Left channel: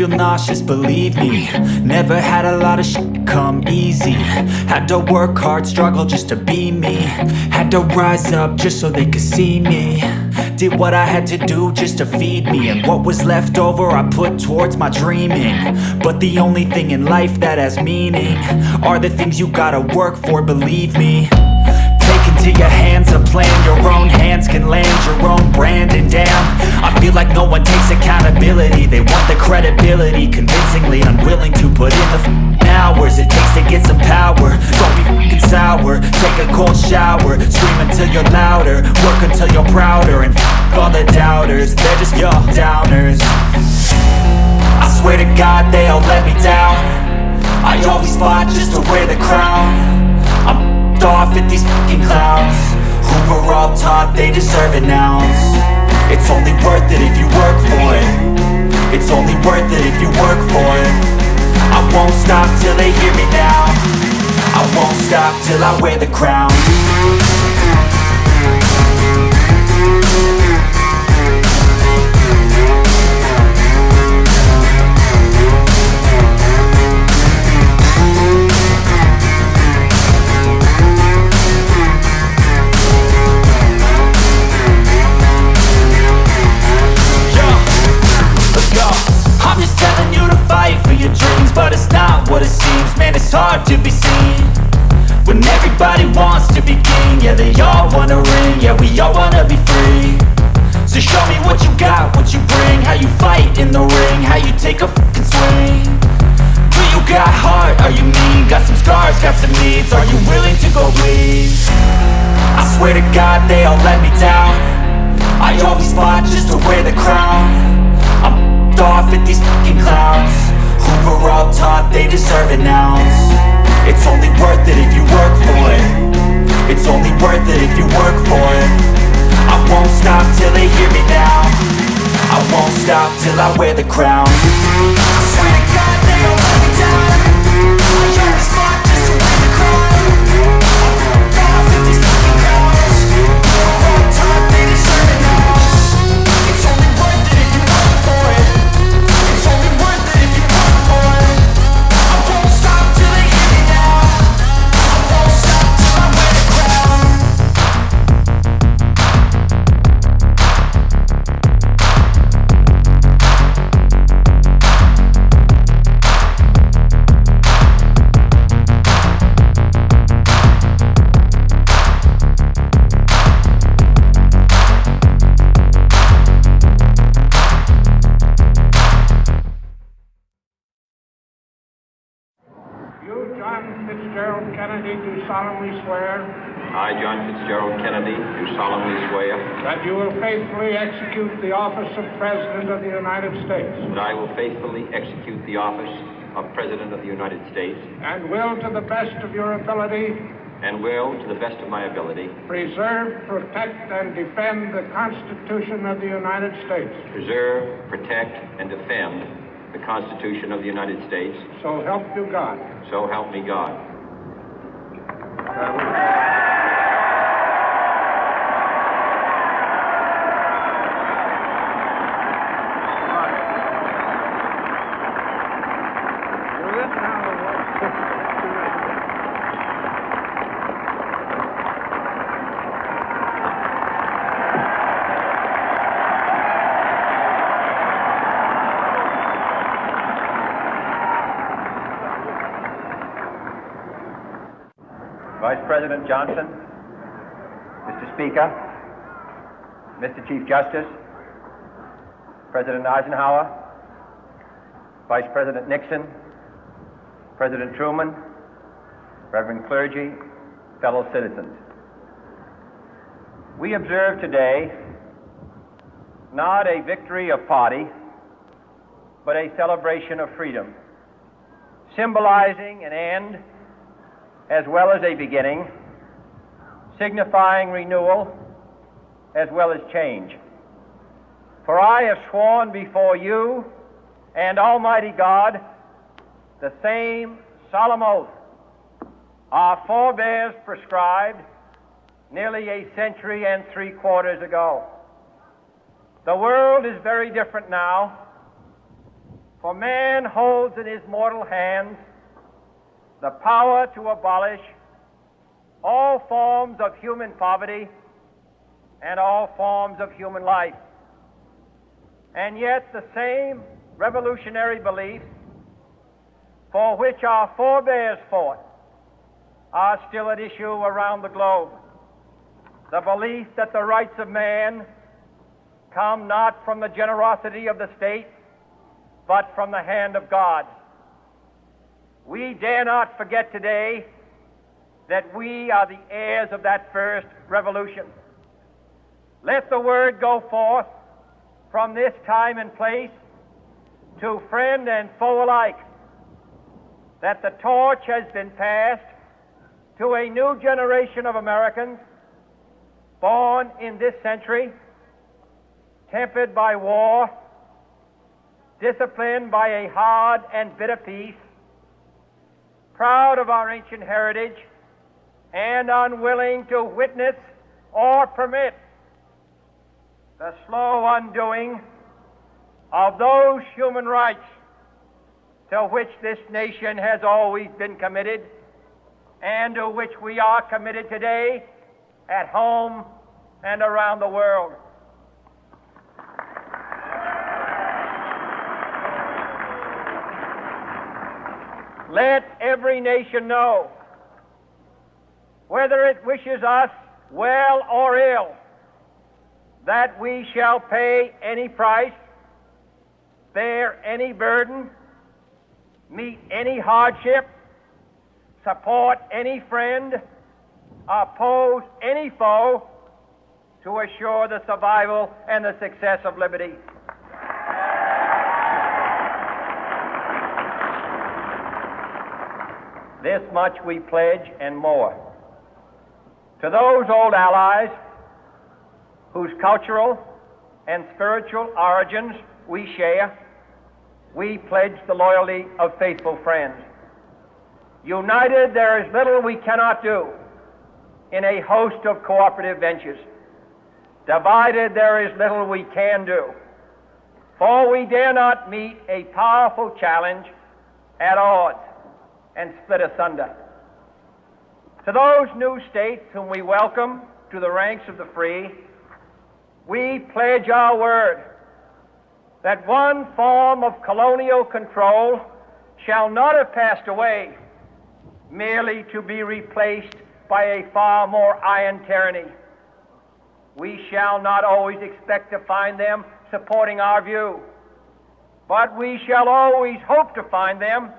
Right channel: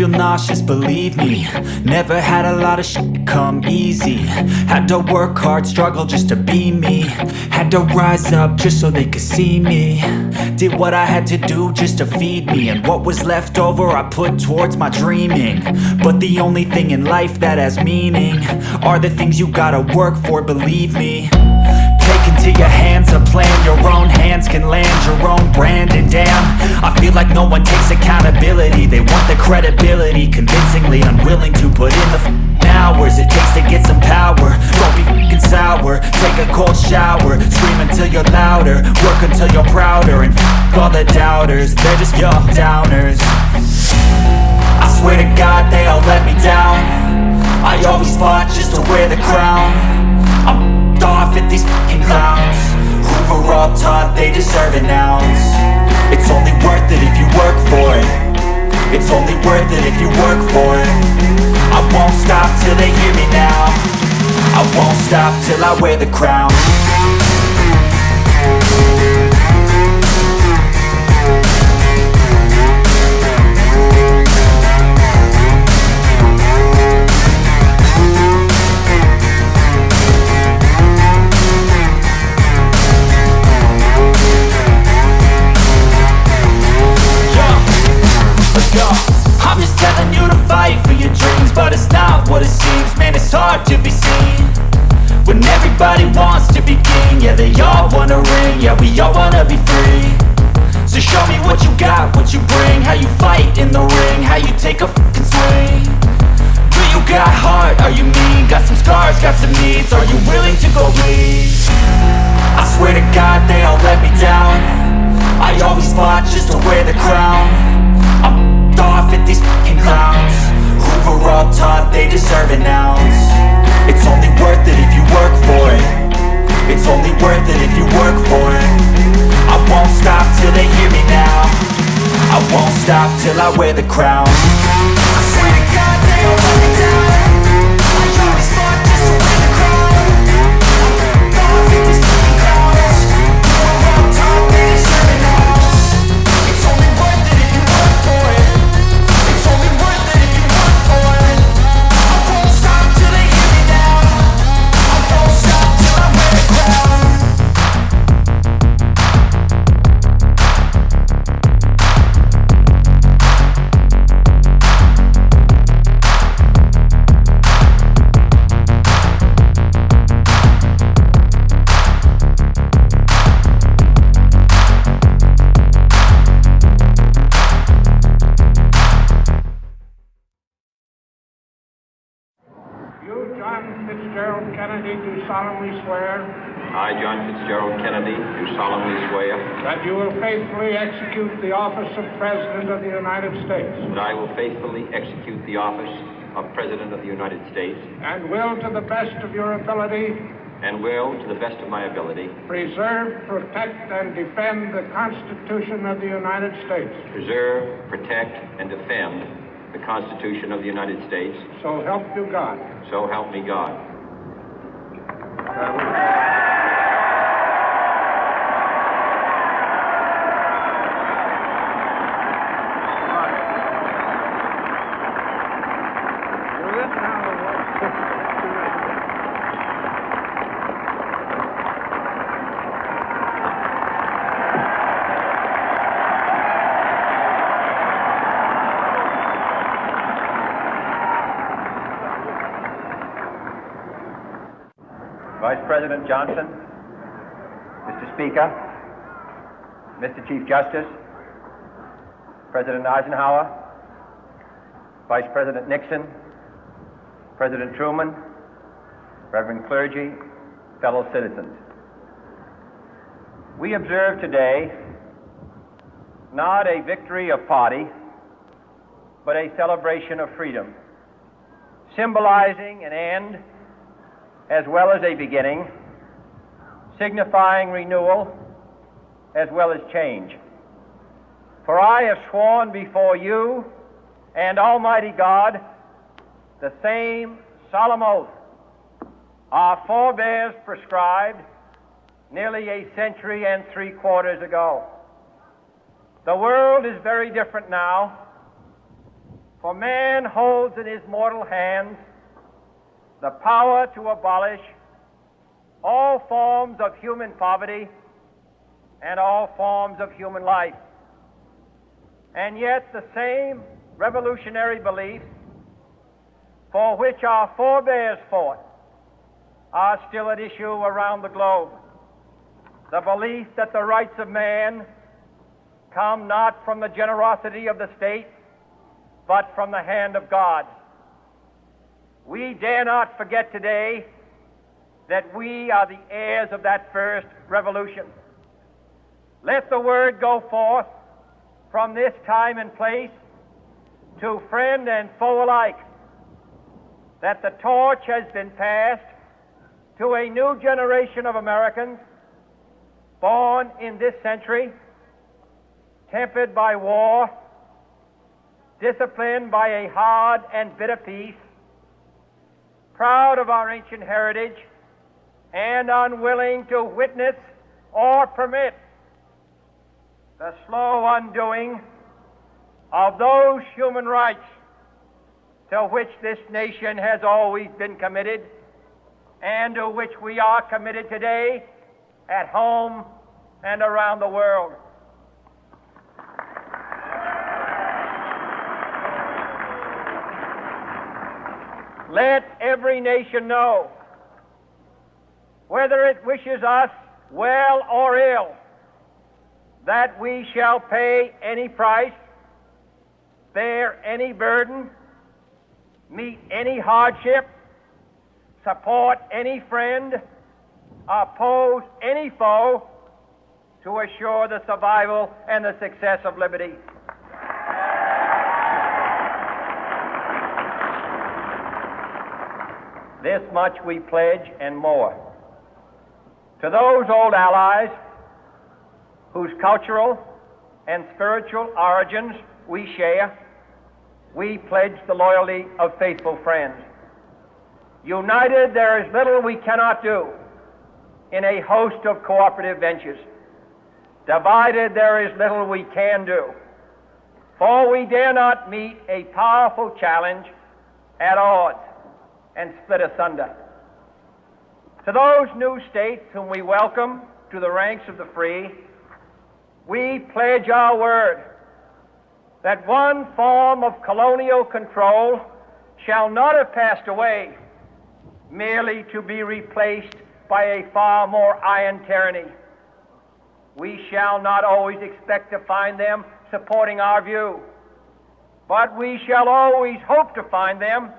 feel nauseous, believe me. Never had a lot of shit come easy. Had to work hard, struggle just to be me. Had to rise up just so they could see me. Did what I had to do just to feed me. And what was left over I put towards my dreaming. But the only thing in life that has meaning are the things you gotta work for, believe me. Take into your hands a plan. Your own hands can land your own brand. And damn, I feel like no one takes accountability. They want the credibility, convincingly unwilling to put in the hours it takes to get some power. Don't be f***ing sour. Take a cold shower. Scream until you're louder. Work until you're prouder. And f*** all the doubters, they're just your downers. I swear to God they all let me down. I always fought just to wear the crown. I'm off at these fucking clowns who were all taught they deserve an ounce. It's only worth it if you work for it. It's only worth it if you work for it. I won't stop till they hear me now. I won't stop till I wear the crown. I'm just telling you to fight for your dreams, but it's not what it seems. Man, it's hard to be seen when everybody wants to be king. Yeah, they all wanna ring, yeah, we all wanna be free. So show me what you got, what you bring. How you fight in the ring, how you take a fucking swing. Do you got heart, are you mean? Got some scars, got some needs, are you willing to go bleed? I swear to God they all let me down. I always fought just to wear the crown. I'm off at these fucking clowns who were all taught they deserve an ounce. It's only worth it if you work for it. It's only worth it if you work for it. I won't stop till they hear me now. I won't stop till I wear the crown. I swear to God they all let me down. I always fought just to wear the crown. I'm off at these fucking clowns who were all taught they deserve an ounce. It's only worth it if you work for it. It's only worth it if you work for it. I won't stop till they hear me now. I won't stop till I wear the crown. Kennedy, do solemnly swear. I, John Fitzgerald Kennedy, do solemnly swear. That you will faithfully execute the office of President of the United States. That I will faithfully execute the office of President of the United States. And will, to the best of your ability. And will, to the best of my ability. Preserve, protect, and defend the Constitution of the United States. Preserve, protect, and defend the Constitution of the United States. So help you God. So help me God. Vice President Johnson, Mr. Speaker, Mr. Chief Justice, President Eisenhower, Vice President Nixon, President Truman, Reverend clergy, fellow citizens. We observe today not a victory of party, but a celebration of freedom, symbolizing an end as well as a beginning, signifying renewal as well as change. For I have sworn before you and Almighty God the same solemn oath our forebears prescribed nearly a century and 3/4 ago. The world is very different now, For man holds in his mortal hands the power to abolish all forms of human poverty and all forms of human life. And yet the same revolutionary beliefs for which our forebears fought are still at issue around the globe. The belief that the rights of man come not from the generosity of the state, but from the hand of God. We dare not forget today that we are the heirs of that first revolution. Let the word go forth from this time and place to friend and foe alike that the torch has been passed to a new generation of Americans born in this century, tempered by war, disciplined by a hard and bitter peace, proud of our ancient heritage, and unwilling to witness or permit the slow undoing of those human rights to which this nation has always been committed and to which we are committed today at home and around the world. Let every nation know, whether it wishes us well or ill, that we shall pay any price, bear any burden, meet any hardship, support any friend, oppose any foe to assure the survival and the success of liberty. This much we pledge and more. To those old allies whose cultural and spiritual origins we share, we pledge the loyalty of faithful friends. United, there is little we cannot do in a host of cooperative ventures. Divided, there is little we can do, for we dare not meet a powerful challenge at odds and split asunder. To those new states whom we welcome to the ranks of the free, we pledge our word that one form of colonial control shall not have passed away merely to be replaced by a far more iron tyranny. We shall not always expect to find them supporting our view, but we shall always hope to find them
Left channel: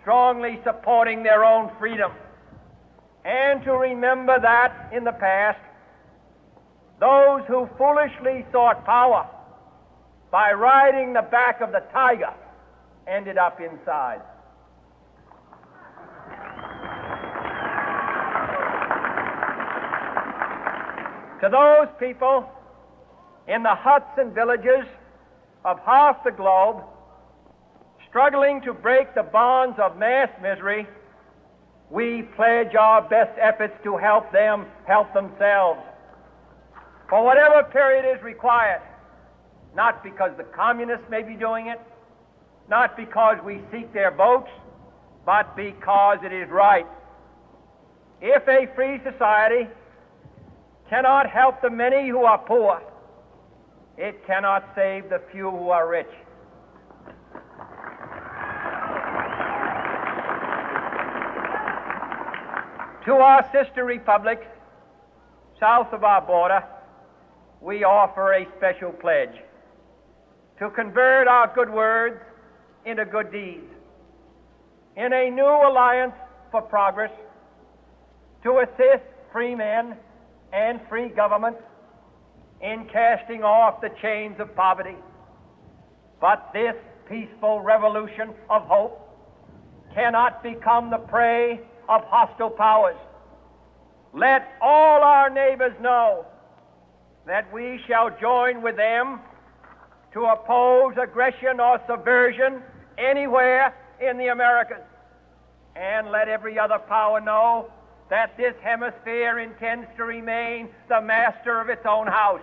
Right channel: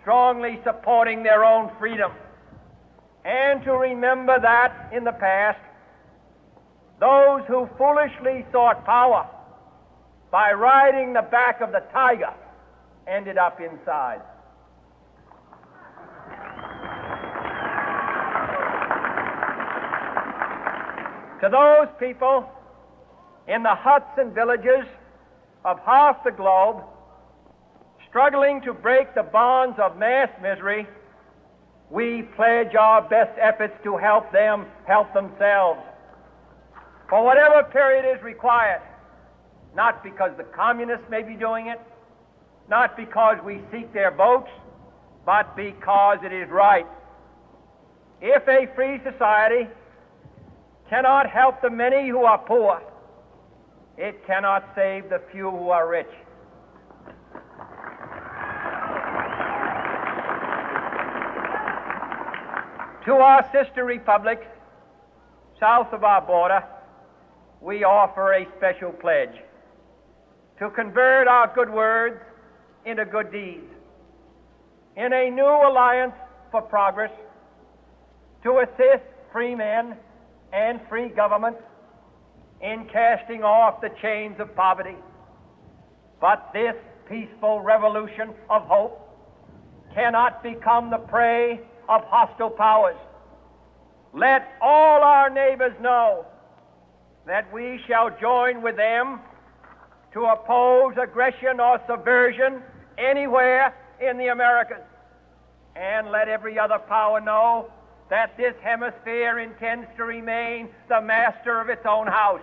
strongly supporting their own freedom, and to remember that in the past, those who foolishly sought power by riding the back of the tiger ended up inside. To those people in the huts and villages of half the globe struggling to break the bonds of mass misery, we pledge our best efforts to help them help themselves for whatever period is required, not because the communists may be doing it, not because we seek their votes, but because it is right. If a free society cannot help the many who are poor, it cannot save the few who are rich. To our sister republics south of our border, we offer a special pledge to convert our good words into good deeds, in a new alliance for progress, to assist free men and free governments in casting off the chains of poverty. But this peaceful revolution of hope cannot become the prey of hostile powers. Let all our neighbors know that we shall join with them to oppose aggression or subversion anywhere in the Americas. And let every other power know that this hemisphere intends to remain the master of its own house.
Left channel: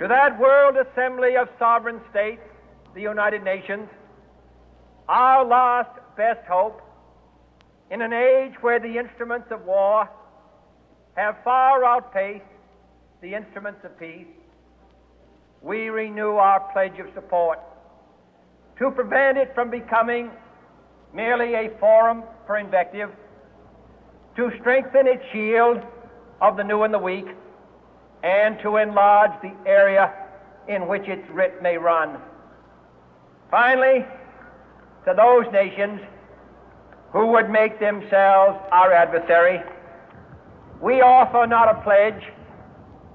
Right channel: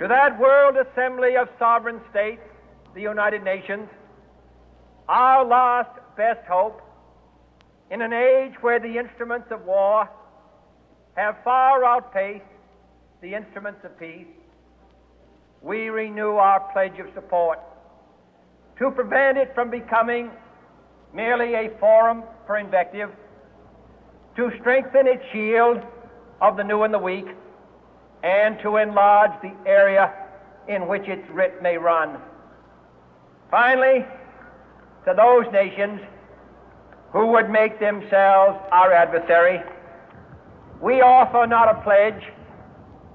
To that world assembly of sovereign states, the United Nations, our last best hope, in an age where the instruments of war have far outpaced the instruments of peace, we renew our pledge of support to prevent it from becoming merely a forum for invective, to strengthen its shield of the new and the weak, and to enlarge the area in which its writ may run. Finally, to those nations who would make themselves our adversary, we offer not a pledge,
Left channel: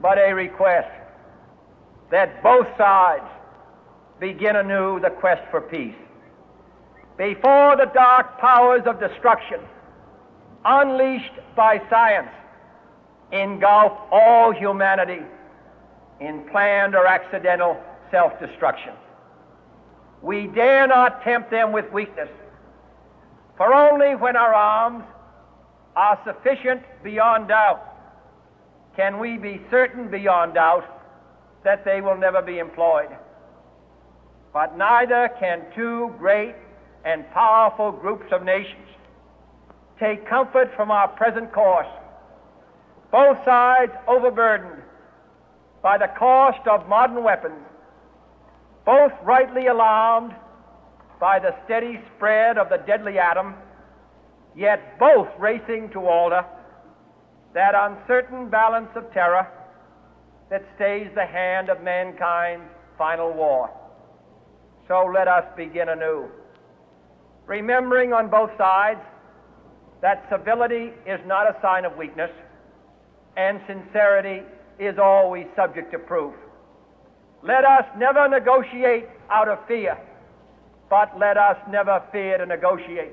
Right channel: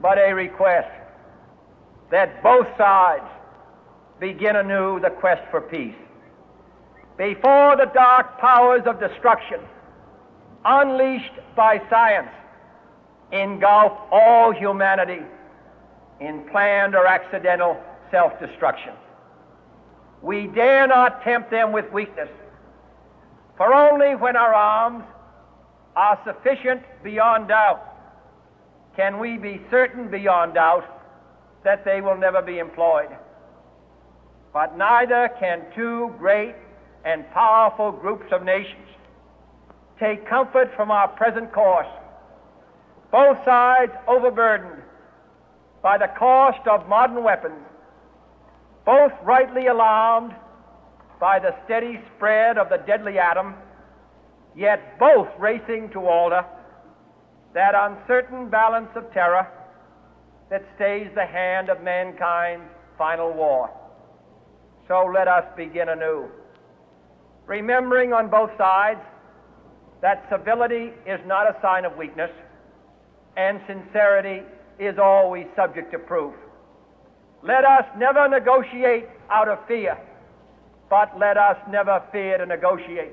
but a request that both sides begin anew the quest for peace. Before the dark powers of destruction, unleashed by science, engulf all humanity in planned or accidental self-destruction, we dare not tempt them with weakness, for only when our arms are sufficient beyond doubt can we be certain beyond doubt that they will never be employed. But neither can two great and powerful groups of nations take comfort from our present course, both sides overburdened by the cost of modern weapons, both rightly alarmed by the steady spread of the deadly atom, yet both racing to alter that uncertain balance of terror that stays the hand of mankind's final war. So let us begin anew, remembering on both sides that civility is not a sign of weakness, and sincerity is always subject to proof. Let us never negotiate out of fear, but let us never fear to negotiate.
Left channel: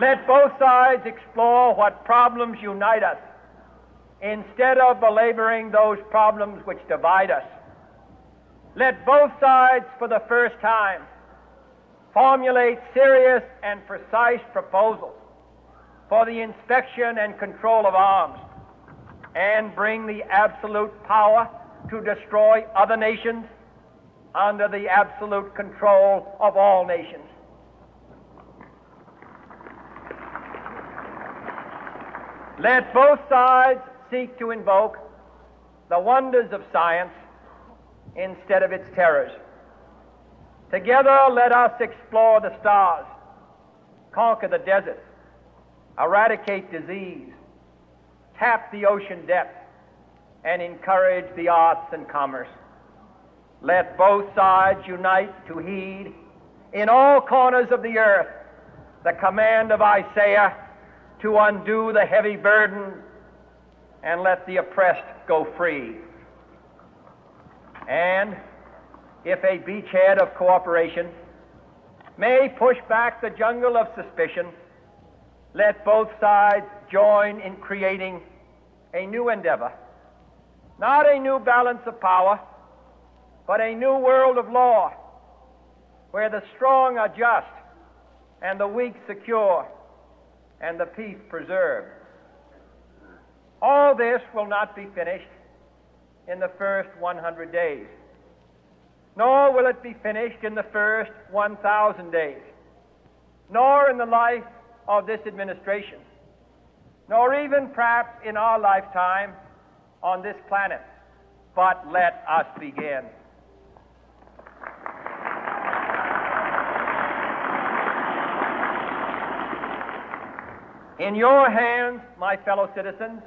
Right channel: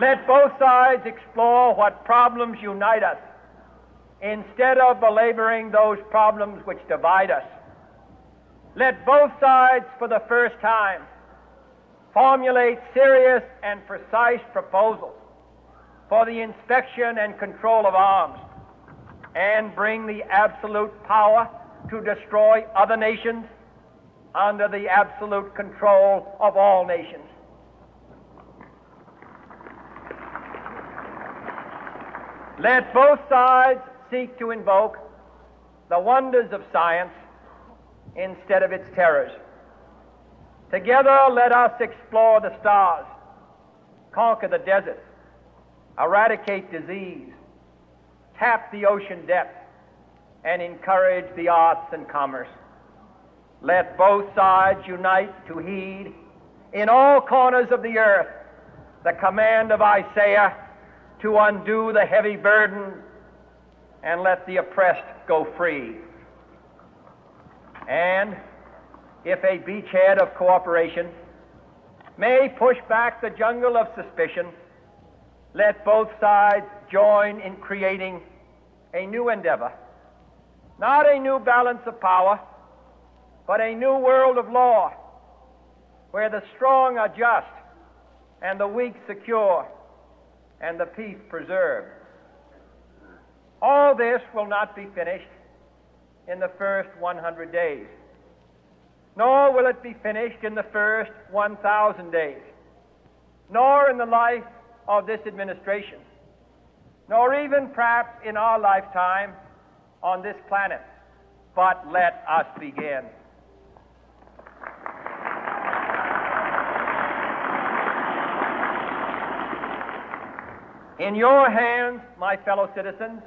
Let both sides explore what problems unite us, instead of belaboring those problems which divide us. Let both sides, for the first time, formulate serious and precise proposals for the inspection and control of arms, and bring the absolute power to destroy other nations under the absolute control of all nations. Let both sides seek to invoke the wonders of science instead of its terrors. Together, let us explore the stars, conquer the deserts, eradicate disease, tap the ocean depths, and encourage the arts and commerce. Let both sides unite to heed in all corners of the earth the command of Isaiah to undo the heavy burden and let the oppressed go free. And if a beachhead of cooperation may push back the jungle of suspicion, let both sides join in creating a new endeavor, not a new balance of power, but a new world of law, where the strong are just and the weak secure and the peace preserved. All this will not be finished in the first 100 days, nor will it be finished in the first 1,000 days, nor in the life of this administration, nor even perhaps in our lifetime on this planet. But let us begin. In your hands, my fellow citizens,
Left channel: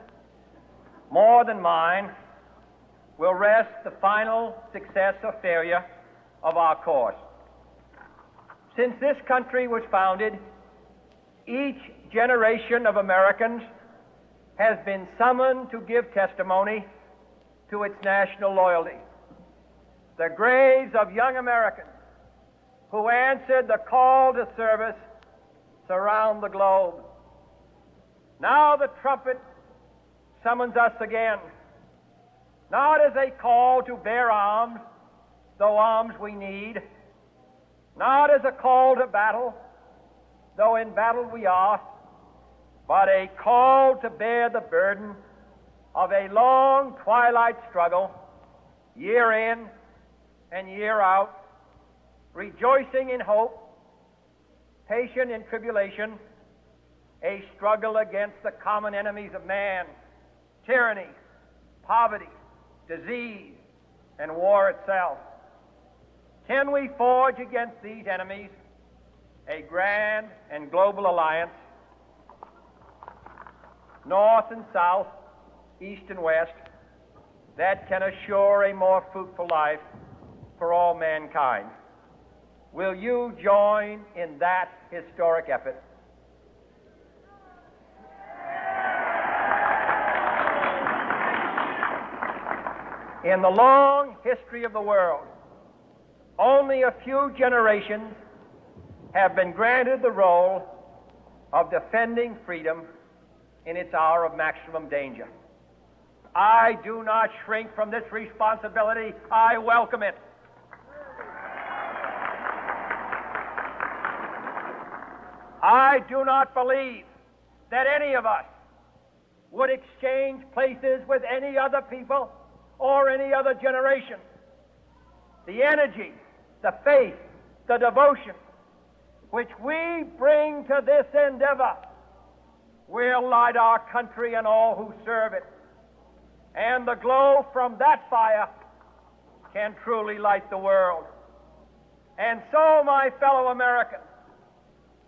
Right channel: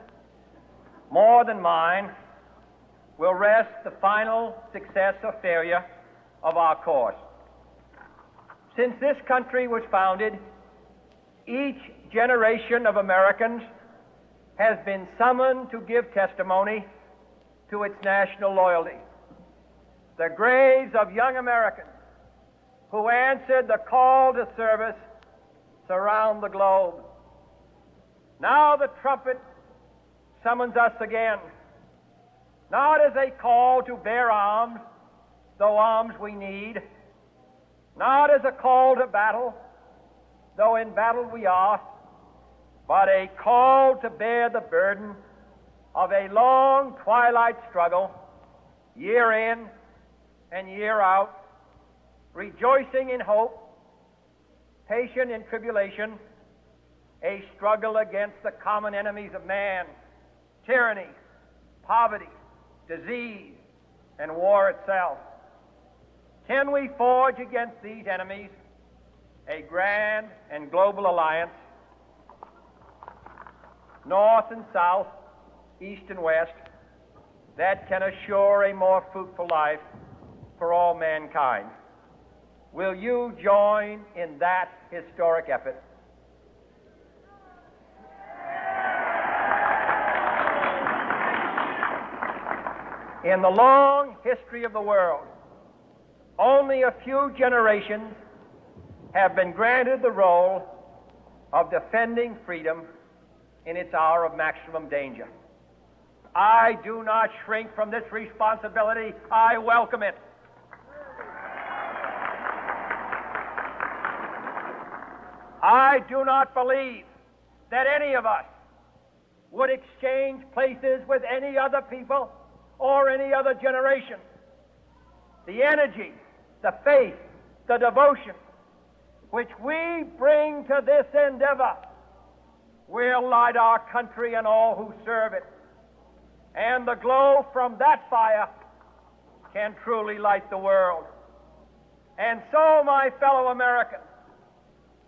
more than mine, will rest the final success or failure of our course. Since this country was founded, each generation of Americans has been summoned to give testimony to its national loyalty. The graves of young Americans who answered the call to service surround the globe. Now the trumpet summons us again, not as a call to bear arms, though arms we need, not as a call to battle, though in battle we are, but a call to bear the burden of a long twilight struggle, year in and year out, rejoicing in hope, patient in tribulation, a struggle against the common enemies of man, tyranny, poverty, disease, and war itself. Can we forge against these enemies a grand and global alliance, north and south, east and west, that can assure a more fruitful life for all mankind? Will you join in that historic effort? In the long history of the world, only a few generations have been granted the role of defending freedom in its hour of maximum danger. I do not shrink from this responsibility. I welcome it. I do not believe that any of us would exchange places with any other people or any other generation. The energy, the faith, the devotion which we bring to this endeavor will light our country and all who serve it. And the glow from that fire can truly light the world. And so, my fellow Americans,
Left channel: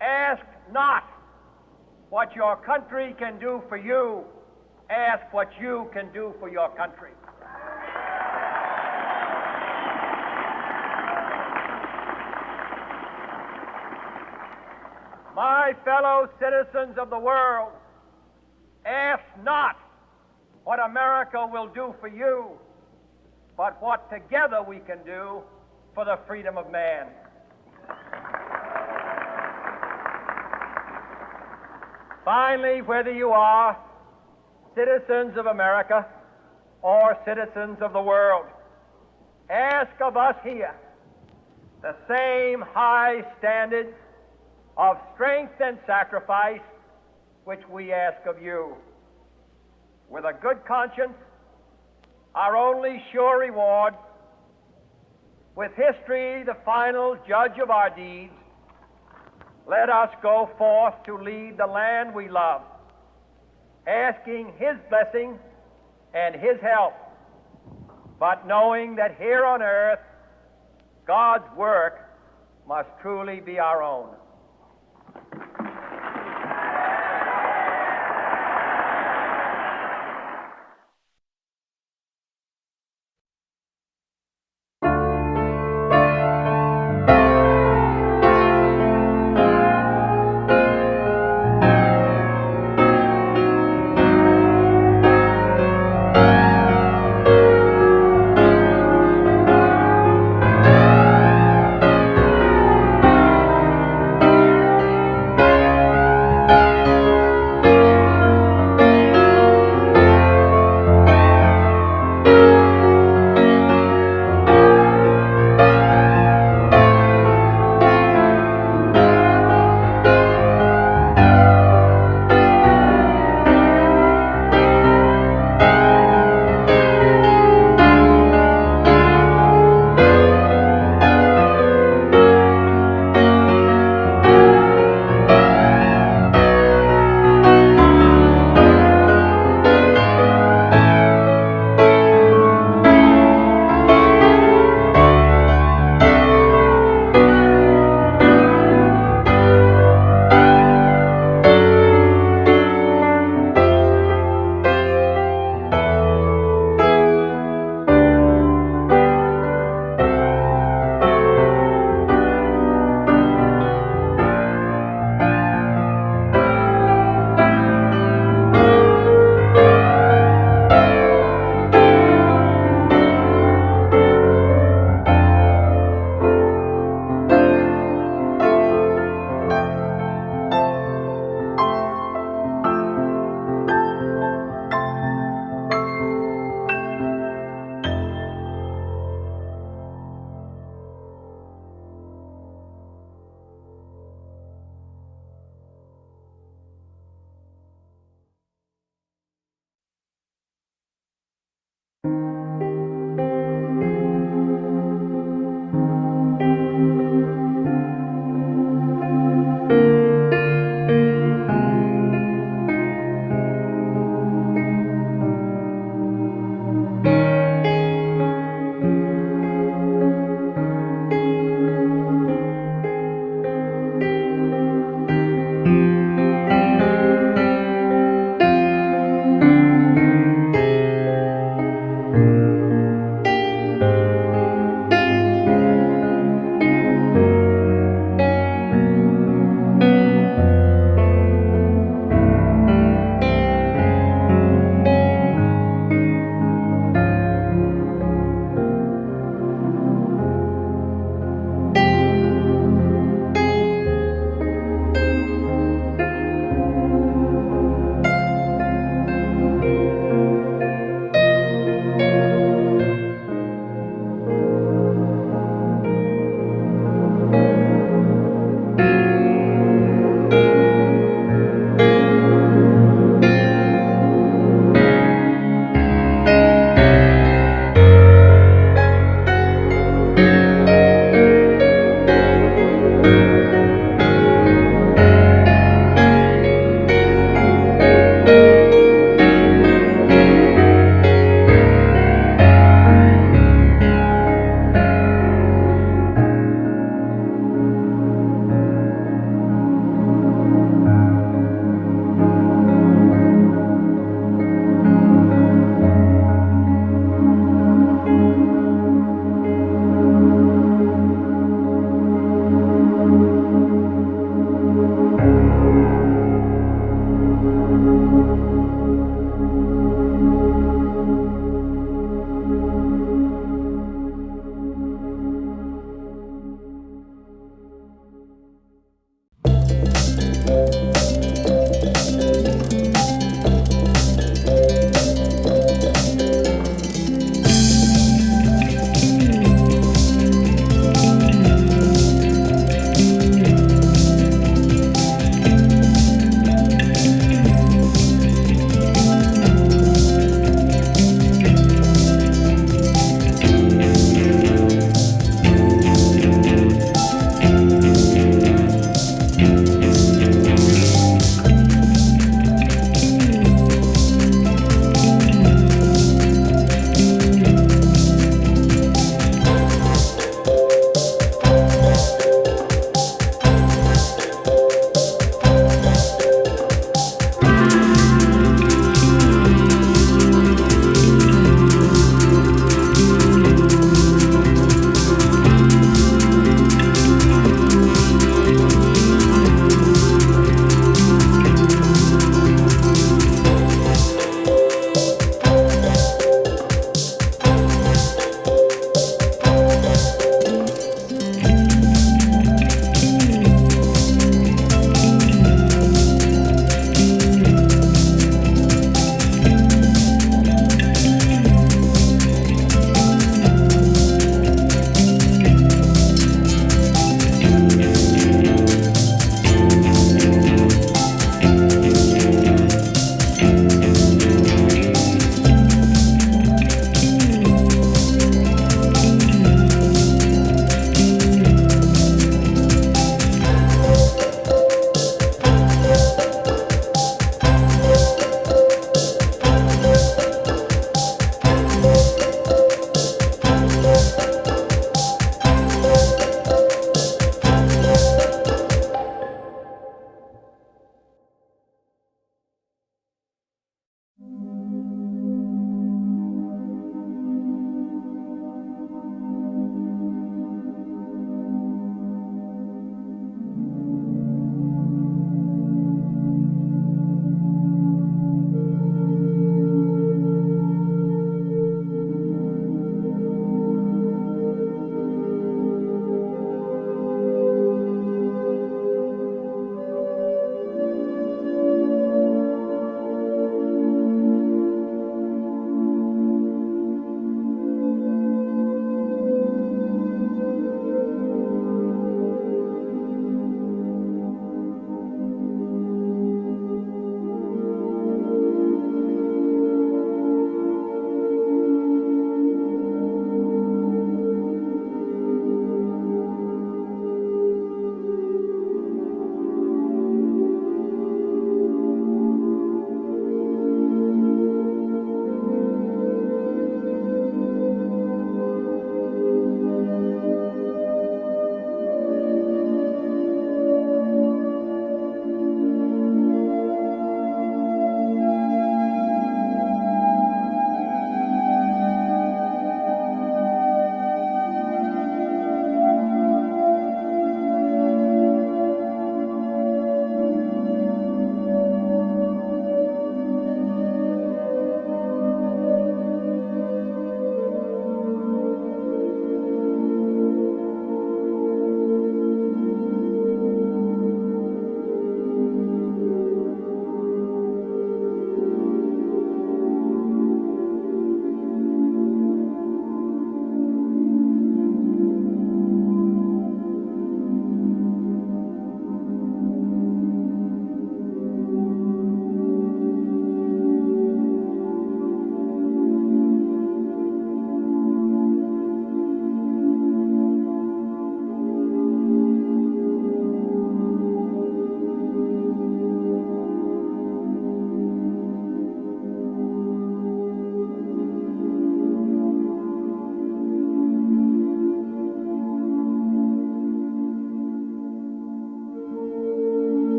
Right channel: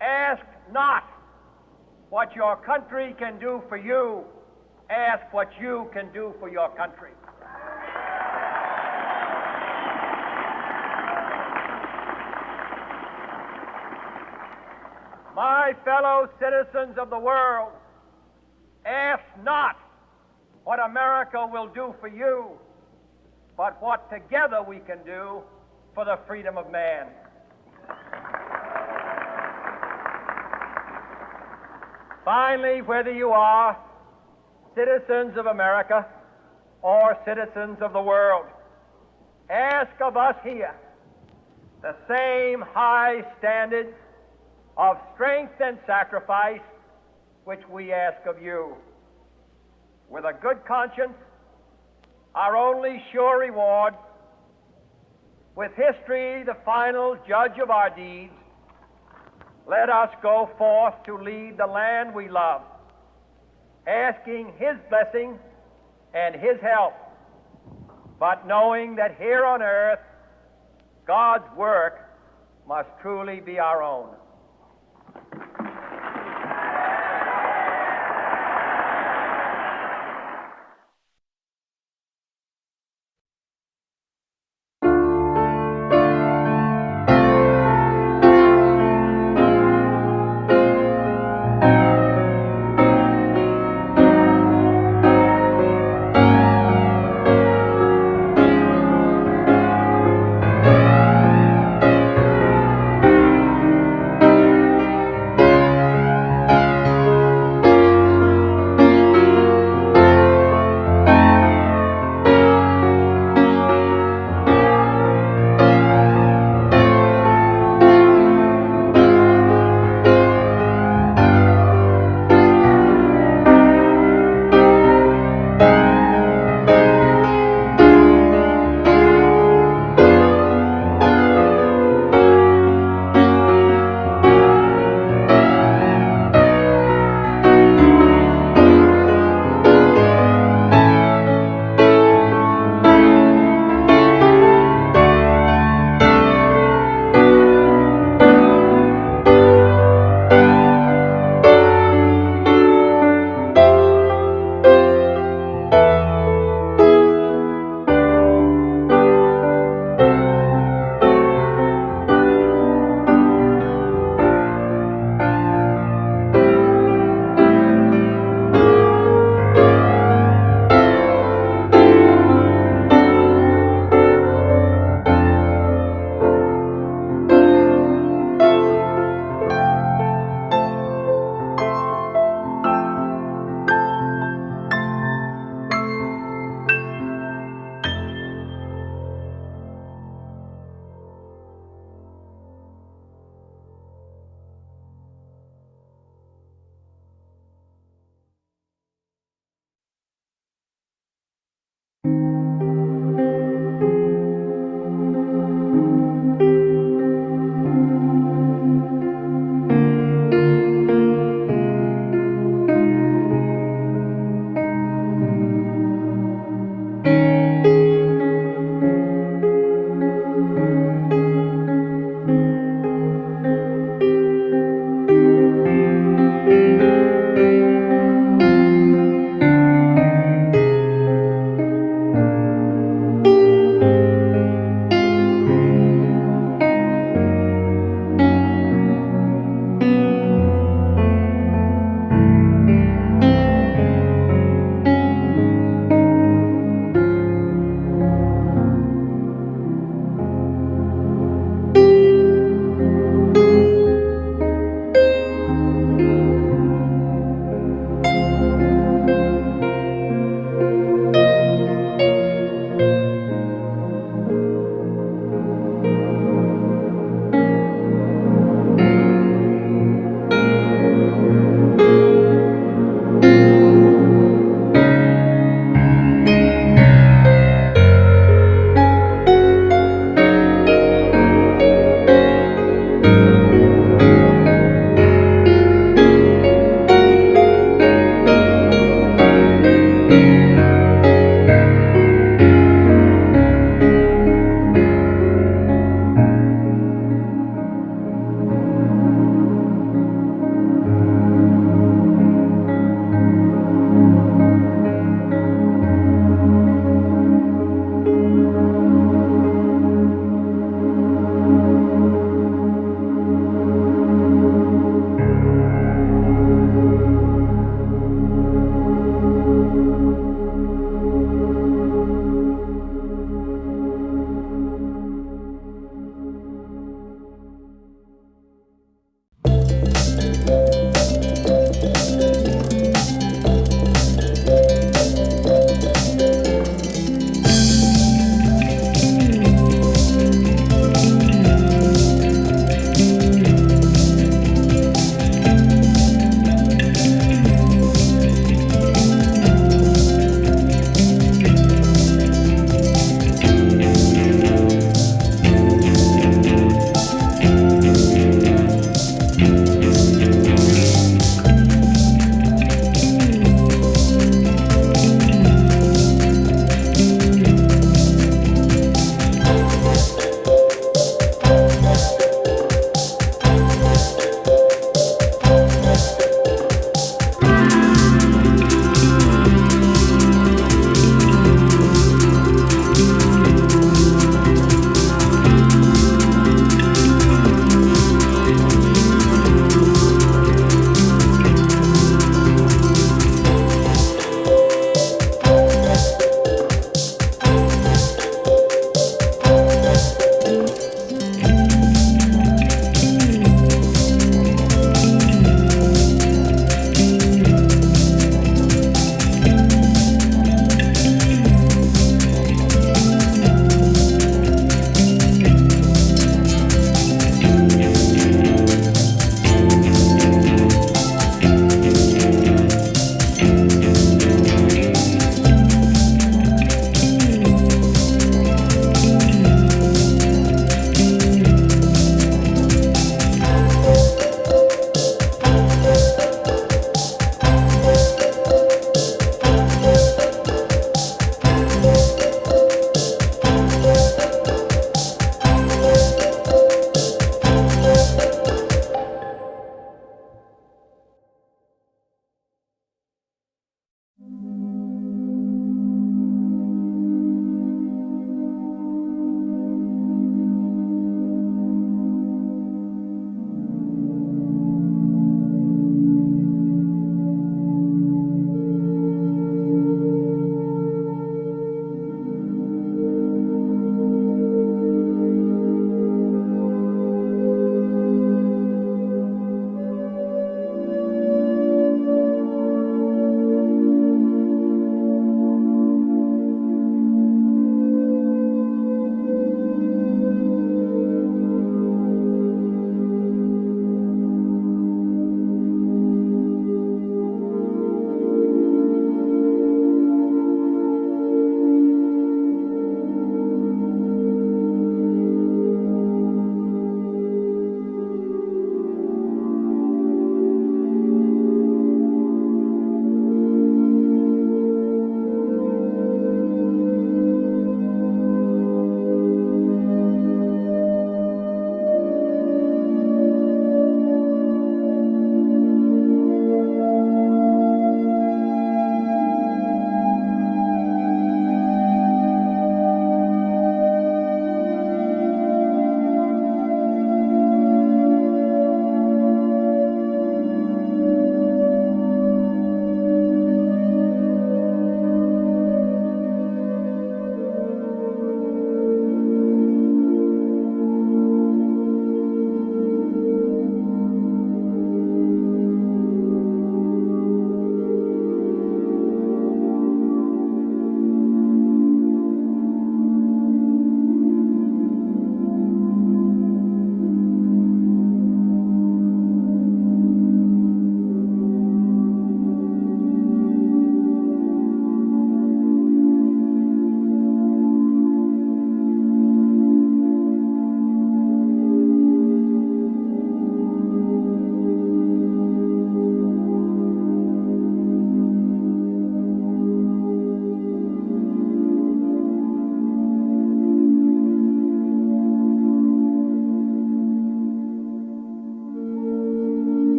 ask not what your country can do for you. Ask what you can do for your country. My fellow citizens of the world, ask not what America will do for you, but what together we can do for the freedom of man. Finally, whether you are citizens of America or citizens of the world, ask of us here the same high standards of strength and sacrifice which we ask of you. With a good conscience, our only sure reward, with history the final judge of our deeds, let us go forth to lead the land we love, asking His blessing and His help, but knowing that here on earth God's work must truly be our own.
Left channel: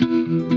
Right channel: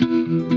you.